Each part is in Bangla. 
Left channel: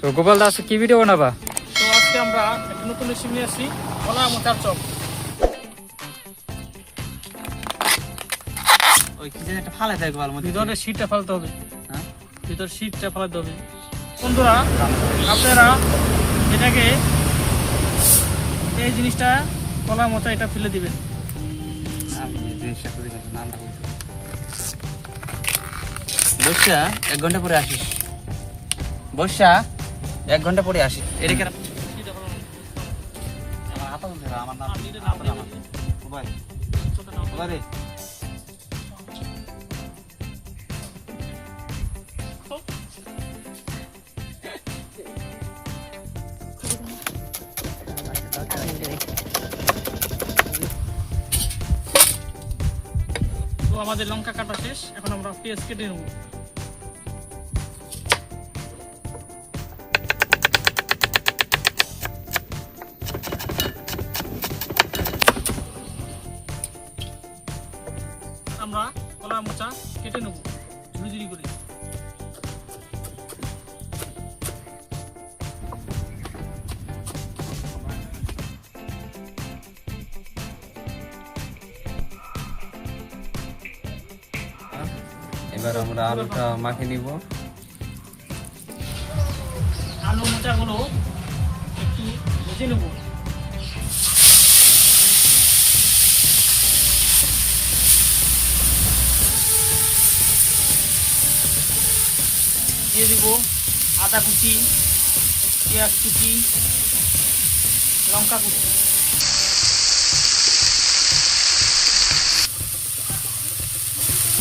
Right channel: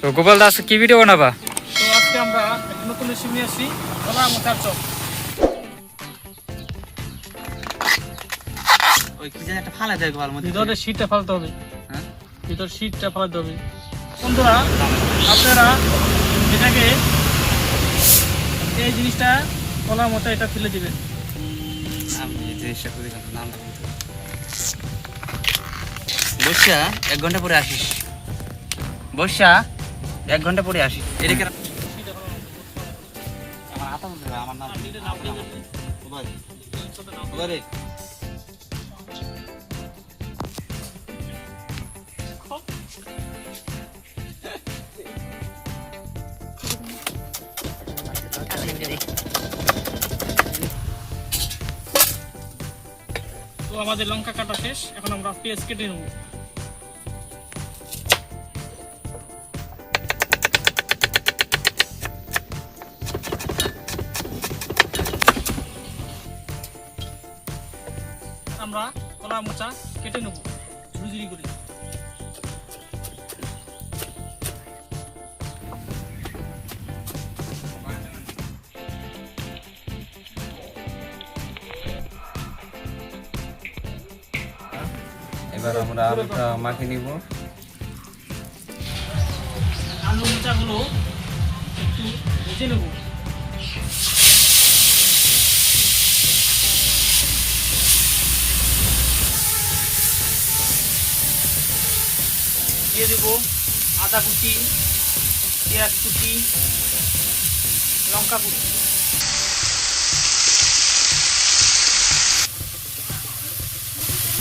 তো গোপাল দাস কি ভিডিও বানাবা? তো আজকে আমরা একটা নতুন রেসিপি নিয়ে আসছি, কলা মোচার চপ। ওই কি যেন একটা ফালে দেয় গোয়াল মধ্যে, ভিতরে শীতটা ফালতে হবে। হ্যাঁ ভিতরে শীতটা ফালাতে হবে। বন্ধুরা, আপনারা এটাকে এই জিনিসটা কলা মোচা এটা ফেলে দিবেন। আমি এই জিনিসটা করি না, নামটা বলতে বসা 1 ঘন্টা পরে আসিস, বসা 1 ঘন্টা পরে আসিস। এটা কেন শীতটা ফালানো হবে। আমার হাতা বলতে হবে, আমার নাম ওবারে ওবারে তো আমাদের লঙ্কা কাটা শেষ, এখন আমরা পেঁয়াজ কেটে নেব। আমরা কলা মোচা কেটে নেব ঝুড়ি করে। এবার আমরা আলুটা মাখিয়ে নিব। আলু মোচাগুলো একটু ভেজে নেব। দিয়ে দেব আদা কুচি, পেঁয়াজ কুচি, লঙ্কা কুচি।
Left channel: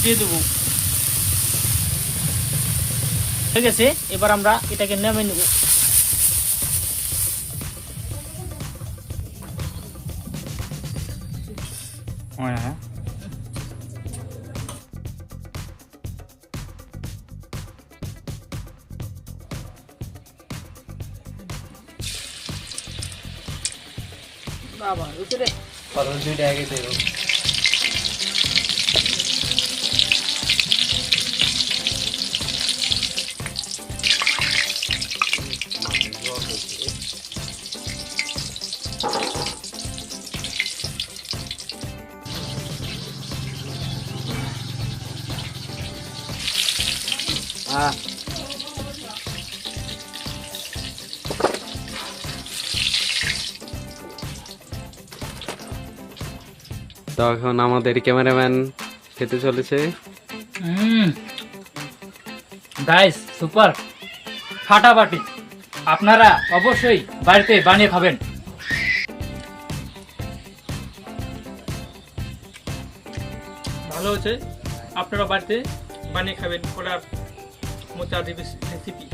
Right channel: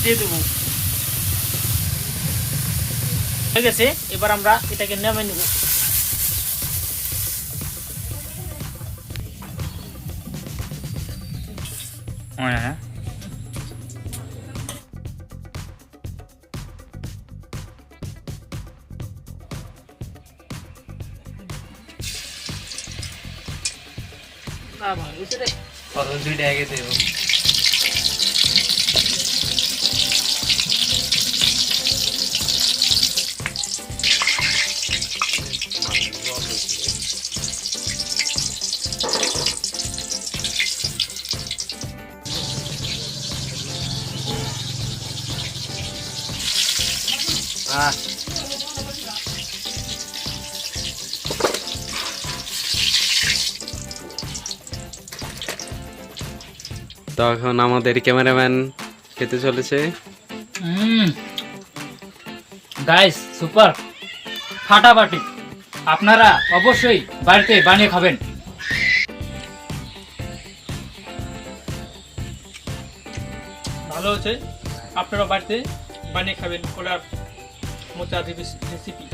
দিয়ে দেবো। হয়ে গেছে, এবার আমরা এটাকে নামিয়ে নেব। হ্যাঁ আর দুইটা আগে দেব। তো এখন আমাদের ক্যামেরাম্যান খেতে চলেছে। গাইস সুপার ফাটাফাটি, আপনারা অবশ্যই বাড়িতে বানিয়ে খাবেন। ভালো হয়েছে, আপনারা বাড়িতে বানিয়ে খাবেন। কলার মোচা রেসিপি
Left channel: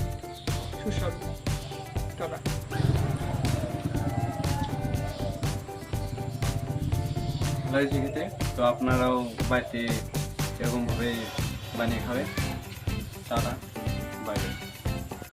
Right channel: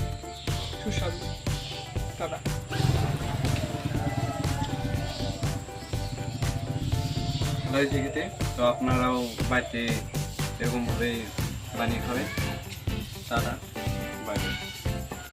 সুস্বাদু। টাটা। ভালো হয়েছে খেতে, তো আপনারাও বাড়িতে এরকমভাবে বানিয়ে খাবেন। Tata, by.